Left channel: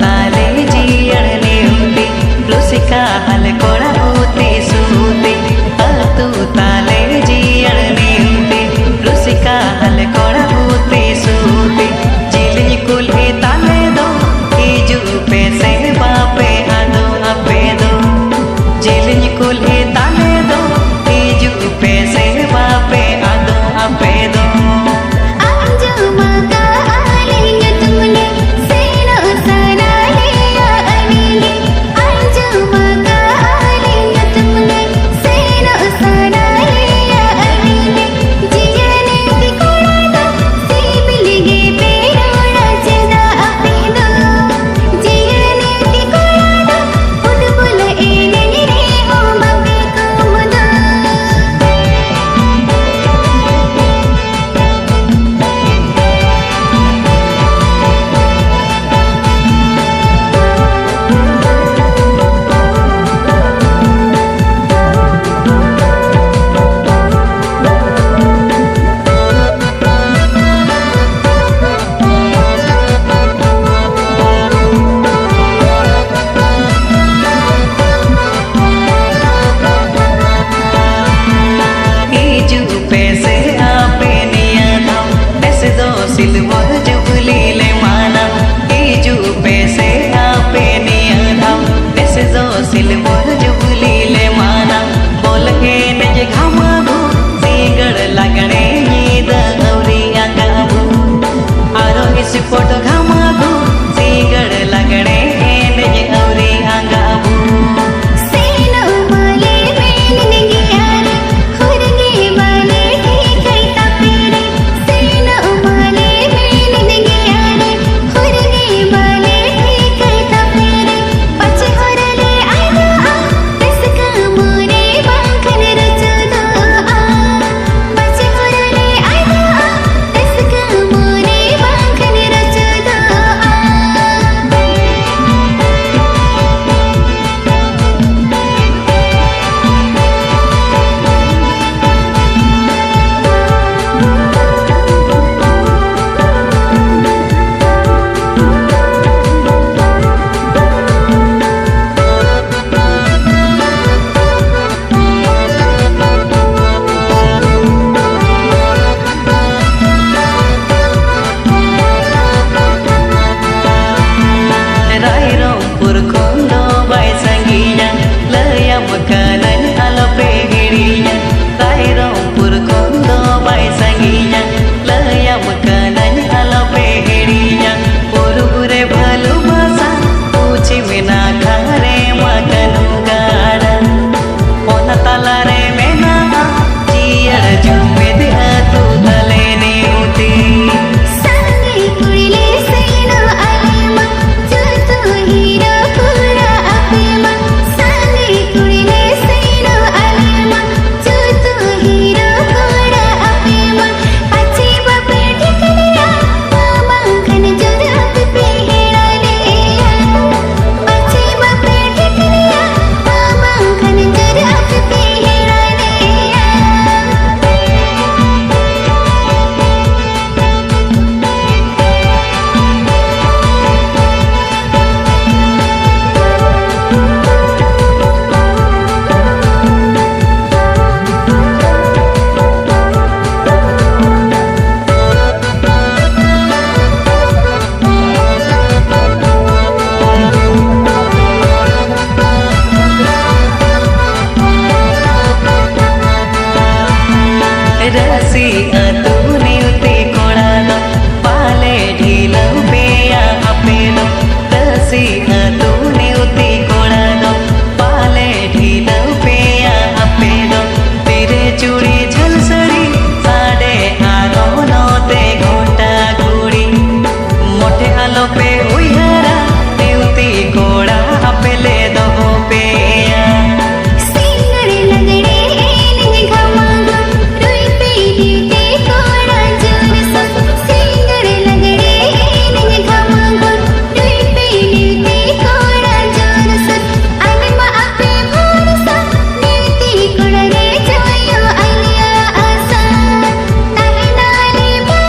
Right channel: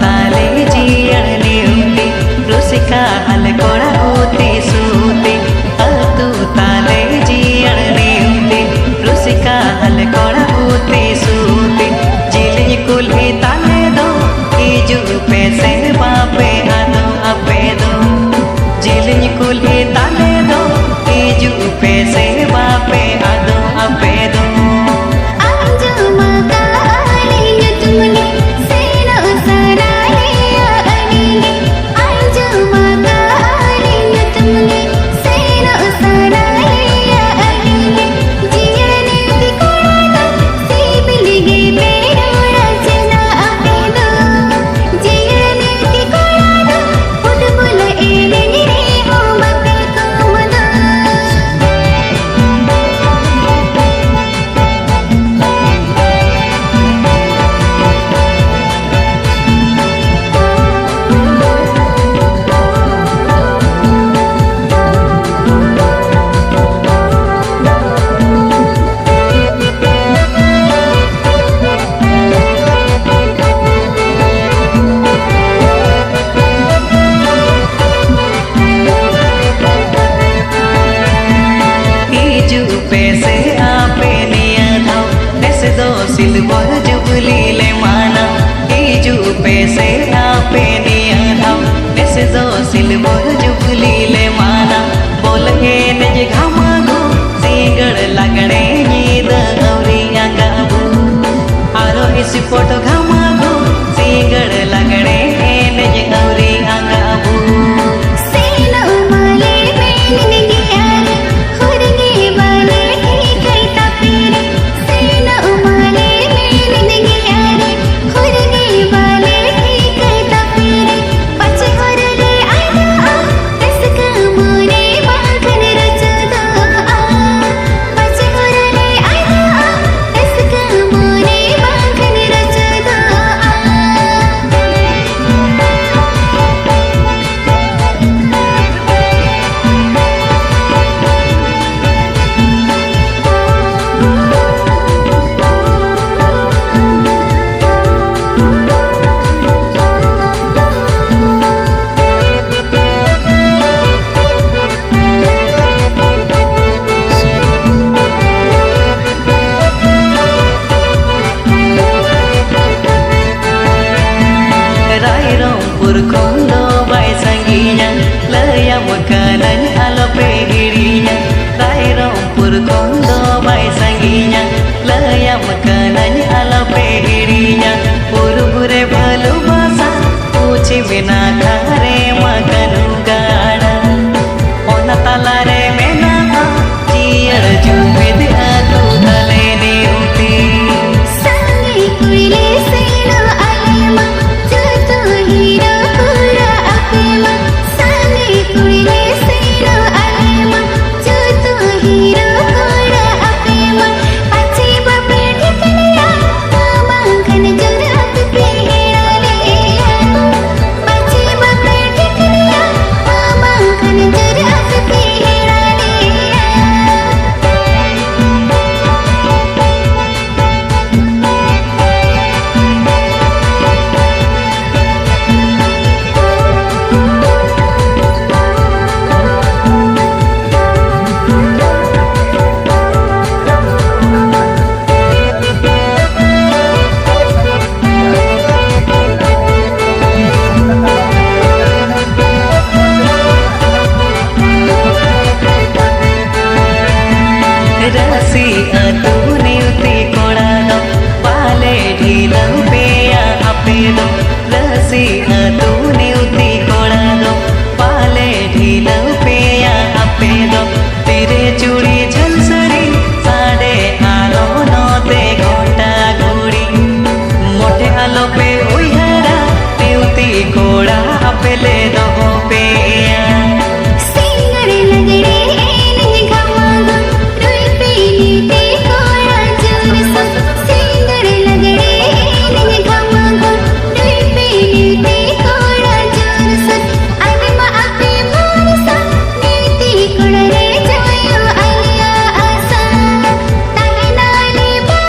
ताले जियड़ नेउते रुसिका हल कोड़ा होते सूते तू ताले जियड़ नेउते रुसिका हल कोड़ा होते सूते जिलिñ कुल्हे ताले दो हिजू पे से बापे आदो अपे दो जिलिñ कुल्हे ताले दो हिजू पे से बापे आदो अपे दो पैसे आपे निया धाव पैसे दो सिल्वर जुबली ले माना इजू पैसे आपे निया धाव पैसे दो सिल्वर जुबली ले माना बोल हे नज घामागो सिंगड़ लगने नीद औरी अंगाबू आरो इस फोटो घामागो सिंगड़ लगने नज औरी अंगाबू रायरंगपुर खोंदो बाय संगीया लयम कनन आलोपे हिड़िया रायरंगपुर खोंदो बाय संगीया लयम कनन आलोपे हिड़िया पुरबुरे भलु बासा पूछी बिना खारे मकनु गाड़ा ओना तालारे मेना जियड़ जुमेद तू तले ने उठी संगी कुड़िले सैनो आलेमा हीरो पूरा अपेमा संगी कुड़िले सैनो आलेमा जो तू हीरो पूरा अपेमा पछे बापे ठिकलिया मांगन जोरा पे हेड़ा लिया पछे बापे ठिकलिया मांगन जोरा पे हेड़ा लिया रसी तूने उती कोड़ा दो पाले ढीलो पेया अपे दो रसी तूने उती कोड़ा दो पाले ढीलो पेया अपे दो तेरे चूड़ी झलसड़ी साढ़े आरो नोते घोटा घोड़ी मोटे आलो पे उइहरा नेउती कोड़ा अपे ले दो पेया